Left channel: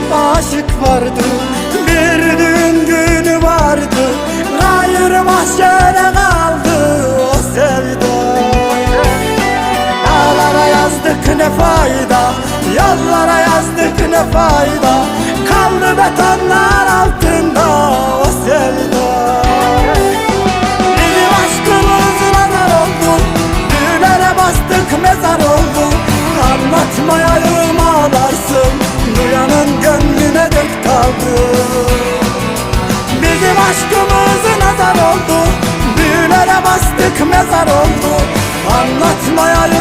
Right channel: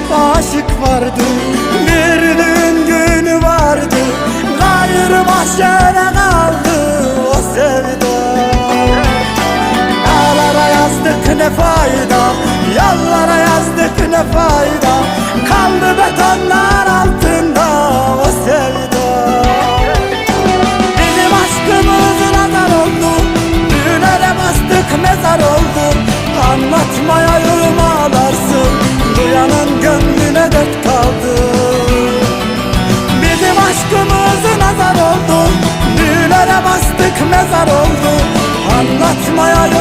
hep aşık vardı Bir düğün günü vardı Gayrı mahşere kaldı o sevda. Dağlara yazdık ne fayda Yollara yazdık ne fayda Kaldı betonlar altında o sevda. Bizim aşkımız nazar oldu Düğünlere bastık mezar oldu Anlatmayayım ağlarsın Duyanın gönlüne dert kaldı. Bizim aşkımız nazar oldu. Düğünlere bastık mezar oldu. Anlatmayayım ağlarsın